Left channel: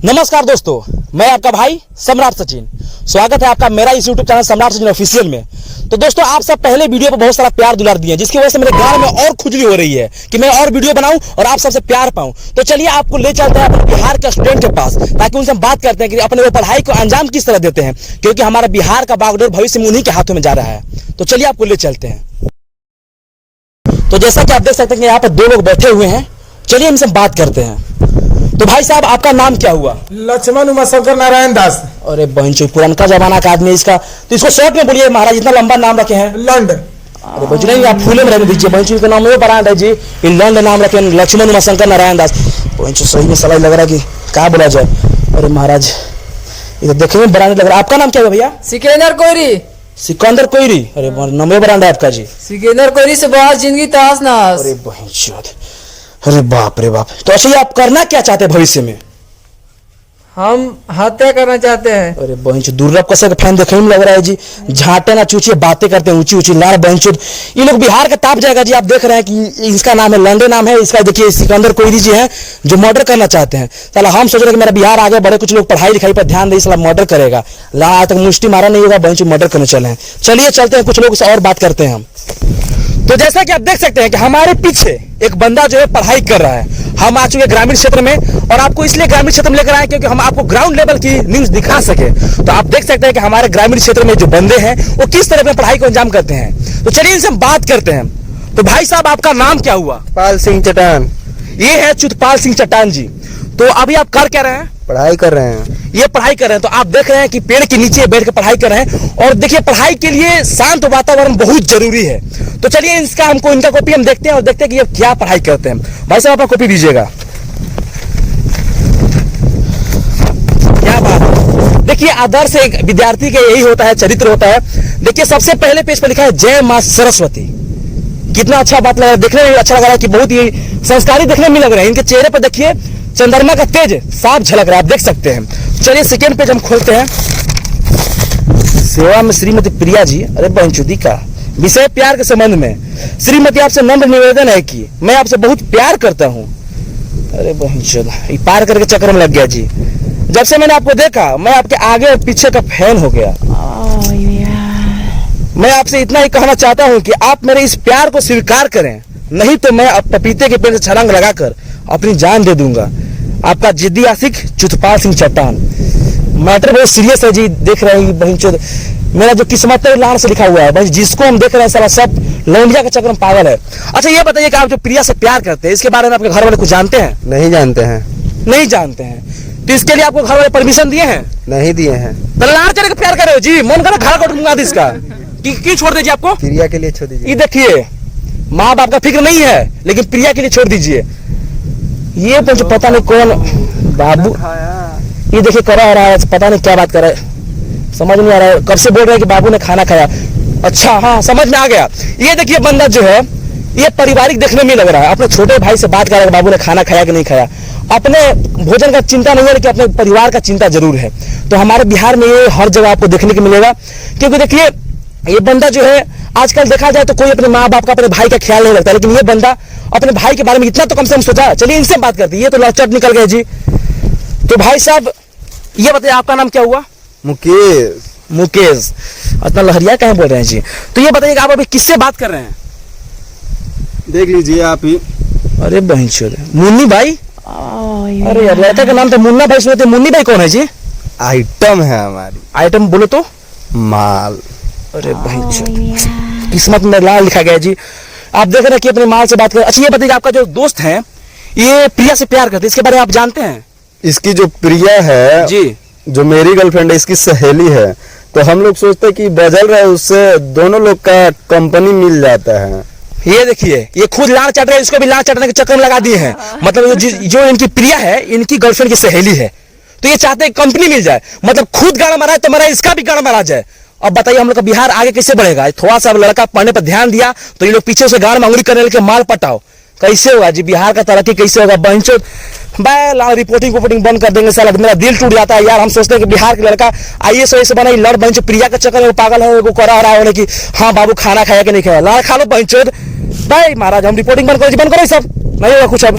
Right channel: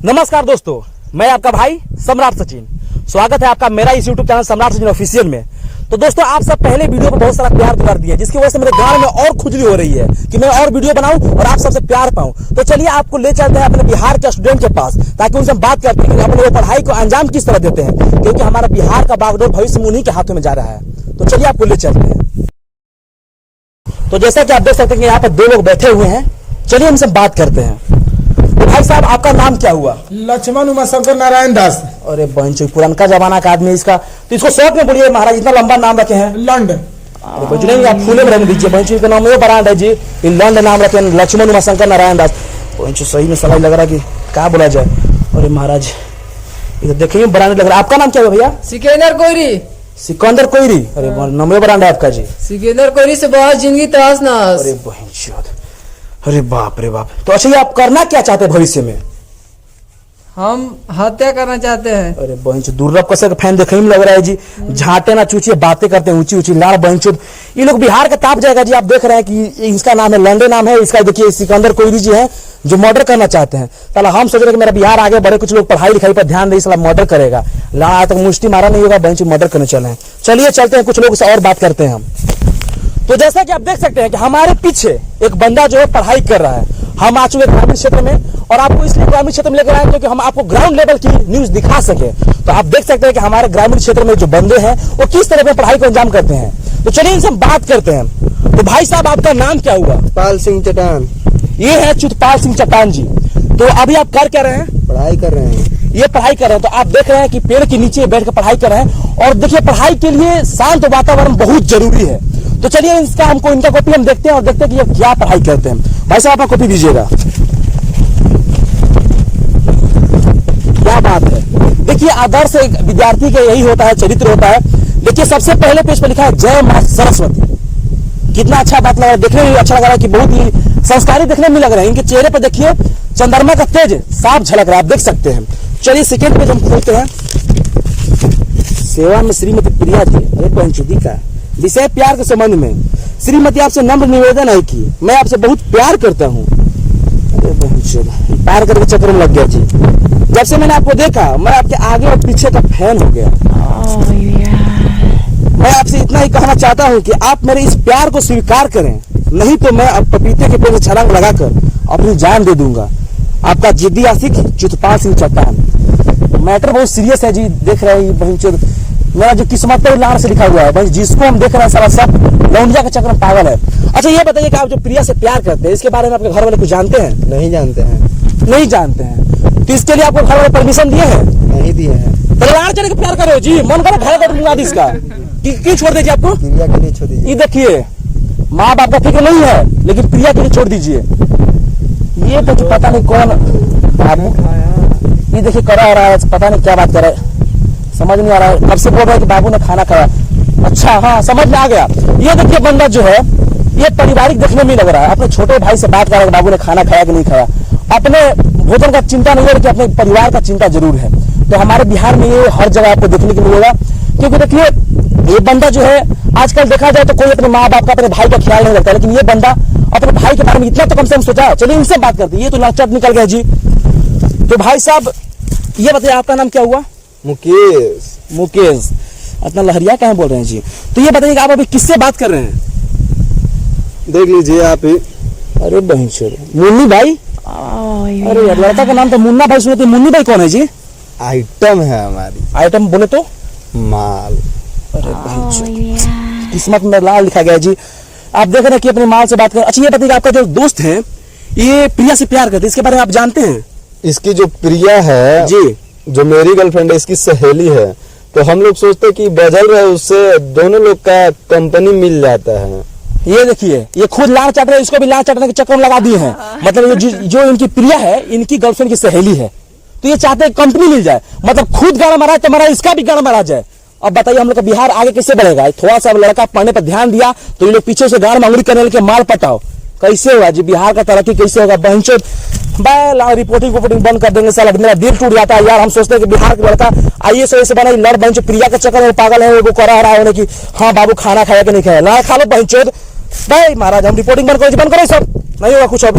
नमस्कार दोस्तों, मैं आपका भाई सम्राट सचिन। स्वागत है आपका मेरा इस YouTube चैनल सम्राट सचिन ऑफिशियल में। तो दोस्तों, आप सब पहले वीडियो पर बहुत सारा प्यार दुलार दिए, जिसकी वजह से मेरे गांव में और खुजली हो रही है कि मैं और वीडियो बनाऊं और आप सबसे प्यार पाऊं। तो चलिए आपको ले चलते हैं अपने बिहार के स्टूडेंट के पास, ताकि उनसे हम बात करते हैं कि अपने वो पढ़ाई को अंजाम किस तरह देते हैं, क्योंकि हमारा बिहार का बागडोर भविष्य में उन्हीं के हाथों में जा रहा है। तो चलिए आपको ले चलते हैं। तो जैसा कि आप देख सकते हैं कि यहाँ पे दो लोग बैठे हुए हैं, चलिए इनसे बात करते हैं। तो भाई साहब, आपका नाम क्या हुआ? लक्ष्मण उमाशंकर नारायण दास। अरे बहनचोद, पुराना जमाना का आदमी इसका, तो इसको शॉर्ट में बोलिए महाराज, इतना लंबा नाम रखे हैं। लंड। अरे बहनचोद नहीं, आप फूले में रहने दीजिए। बहनचोद का नाम ये ब्रांड है जी, ये लंड नाम रखे हैं, लक्ष्मण उमाशंकर नारायण दास। बहनचोद सही में सलाह लग रहा है कि क्या बोला जाए। अरे महाराज, ये तो देखने में ब्रांड लग रहा है। आपका नाम क्या है भैया? सिकंदर कोयरी। सिकंदर कोयरी। अरे नाम ब्रांड है आपका जी। सिकंदर कोयरी से बहुत जिंदगी तहस नहस। अरे बहनचोद, अरे बाप रे बाप। तो अच्छा, ये आप करना क्या चाहते हैं भविष्य में? हम हत्या करना चाहते हैं। अरे बहनचोद, दुर्लभ कसे का फैन देखने में लग रहा है जी। झाटे ना चूचिए, बातें करते हैं ऊंची ऊंची लाल। बहनचोद, ये लोग बिहार का ताप जाएगा जी। आप देख रहे हैं कि इसका नाम है लंडे, नाम है इसका। देखिए सिकंदर कोयरी जी हैं जो मर्डर करना चाहते हैं। साला हम सोच रहे कि मेरा बिहार आगे बढ़े, कुछ लोग पढ़ाई लिखाई पर ध्यान दे, साला मर्डर करेगा। ला तक मुष्टि मारा नहीं होगा, बहनचोद मर्डर करने चले हैं। चलिए चलते हैं, कुछ लोग से और बात करते हैं हम। तो जैसा कि आप देख सकते हैं कि हमारे पीछे एक बंदा जो है पढ़ाई कर रहा है। हम आ चुके ग्रामीण क्षेत्र में, और आपको इसलिए ग्रामीण क्षेत्र में लेकर आए क्योंकि हम आपको ग्राउंड लेवल की न्यूज दिखा सके। तो आप देख सकते हैं कि हमारे ग्रामीण क्षेत्र में जो बंदे हैं वो किस तरह अपनी पढ़ाई को अंजाम करते हैं। तो चलिए इनसे हम बात करते हैं। तो भाई साहब, आपका नाम क्या हुआ? पाल सिंह चट्टान। ये है चुतपाल सिंह चट्टान जी। तो अभी आप कर क्या रहे हैं? पढ़ाई कर रहे हैं। ये पढ़ाई कर रहे हैं। तो आप देख रहे हैं कि पेड़ के नीचे बैठ कर पढ़ाई कर रहे हैं, और देखिए पढ़ाई के लिए शांत वातावरण बहुत जरूरी है। तो चलिए इनका कॉपी हम देखते हैं और देखते हैं कि ये क्या पढ़ाई करते हैं। भाई साहब, आप कॉपी दीजिएगा। क्या बात है। देखिए आदर्श एक विद्यार्थी का यही होता है, चरित्र होता है। देखिए सबसे पहले पेज पर लिखा है जय मां सरस्वती। कितना अच्छा बात लग रहा है, देखने में अच्छा लग रहा है कि बहुत ही संस्कारी देखने में लग रहे हैं। इनके चेहरे पर देखिए चंद्रमा का तेज साफ झलक रहा है, आप देख सकते हैं। चलिए सेकेंड पेज हम खोलते हैं। सेवा में श्रीमती प्रिया जी। अरे बहनचोदी का विषय प्यार के संबंध में। श्रीमती, आपसे नम्र निवेदन है कि मैं आपसे बहुत प्यार करता हूँ। अरे बहनचोद, पार करके चक्कर में लग गया जी। जब से मैंने आपको देखा, मैं आपके आगे और पीछे का फैन हो गया। मैं आपसे इतना ही कहना चाहता हूँ कि आप मेरे इस प्यार को स्वीकार करें, नहीं तो मैं अब पपीते के पेड़ से छलांग लगाकर अपनी जान दे दूंगा। आपका जिद्दी आशिक चुतपाल सिंह चट्टान। मैटर बहुत सीरियस है जी। देख रहे हैं बहनचोद, मेरा जो किस्मत है लाड़ से लिखा हुआ है। बस जिसको हम देख रहे हैं सारा सब लौंडिया के चक्कर में पागल है। अच्छा ये बताइए कि आप जो प्रिया से प्यार करते हैं, इसके बारे में आपके घर वाले कुछ जानते हैं? नहीं जानते हैं। नहीं जानते हैं। तो इसके लिए आपको घर वाले परमिशन दिए हैं? नहीं दिए हैं। तो लाड़ चढ़ के प्यार कर रहे हो जी। मन करो घर काट दूंगा इसका। क्यों छोड़ दीजिए आपको? प्रिया के लिए छोड़ दीजिए। ये देखिए, माँ बाप का फिक्र नहीं है, लेकिन प्रिया के लिए छोड़ दीजिए। ये तो पता नहीं कौन बाबू, ये देखिए करा रहा है, पता नहीं क्या बात कर रहा है, समझ नहीं आ रहा है। कब से बोल रहे हैं कि बाबू ने खाना खाया। अच्छा हाँ, समझ में आ गया। ये देखिए बंदा जो है ये पारिवारिक देखने में लग रहा है। अपने छोटे भाई से बात कर रहा है, बाबू ने खाना खाया कि नहीं खाया। अपने भोजन का चिंता नहीं है, लेकिन अपने परिवार का चिंता जरूर है। तो हमारे बिहार में ये हर जगह आपको देखने को मिलेगा, क्योंकि देखिए ये बंदा जो है, आजकल देखा जाए तो कोई अपने माँ बाप का, अपने भाई का ख्याल नहीं रखता, लेकिन ये बंदा अपने भाई के बारे में इतना तो कम से कम सोचा। चलिए इनसे बात करते हैं। ये तो लाचट निकल गया जी। तो भाई साहब ये बताइए, आपका नाम क्या हुआ? मुकेश। मुकेश। इतना लहरिया कहाँ बोल रहे हैं जी। तो ये बताइए कि आप अभी किससे बात कर रहे हैं? देख लीजिए आप ही। अरे बहनचोद, मुन्नी भाई। अरे यार, लड़का का नाम तो मुन्ना भाई सुनते। मुन्नी भाई कौन है जी? आइटम है हमारी। आइटम बोलो तो। माल। अरे बहनचोद, किस्मत में लाल लिखा गया जी। आप देख रहे हैं कि अपने माल से बात कर। अच्छा ये बताइए, आपका जो दोस्त है ये प्रिया से प्यार करते, इसके बारे में आप जानते हैं? इसकी जो प्रिया है जी, जो मेरी गर्लफ्रेंड है, इसकी सहेली है। तो हम लोग सोचते हैं कि बदल रहे, उससे दोनों लोग का कंपनी मिल जाता है। ये देखिए ये खुद लाड़ चट रहे हैं, इसको भी लाड़ चटने के चक्कर में लगा दिए हैं। मतलब जो इनकी प्रिया है, इनकी गर्लफ्रेंड की सहेली है। तो ये चाहते हैं कंपनी मिल जाए, मतलब खुद गाड़ मारा है तो मारा, इसका भी गाड़ मारा जाए। अब बताइए हम लोग का बिहार आगे कैसे बढ़ेगा? थोड़ा सा लड़का पढ़ने पर ध्यान दिया तो ये लोग पीछे से गाड़ में अंगुली करने लगे, माल पटाओ। कैसे होगा जी? बिहार का तरक्की कैसे होगा? बहनचोद रिपोर्टिंग बंद कर देंगे साला। मेरा दिल टूट जाता है यार। हम सोचते हैं कि बिहार के लड़का IAS बना, लड़ बहन प्रिया के चक्कर में पागल है, वो करा रहा है कि हाँ बाबू खाना खाया कि नहीं खाया। लाड़ खा लो बहनचोद भाई। महाराज हम रिपोर्टिंग बंद करो सब, नहीं होगा कुछ अब।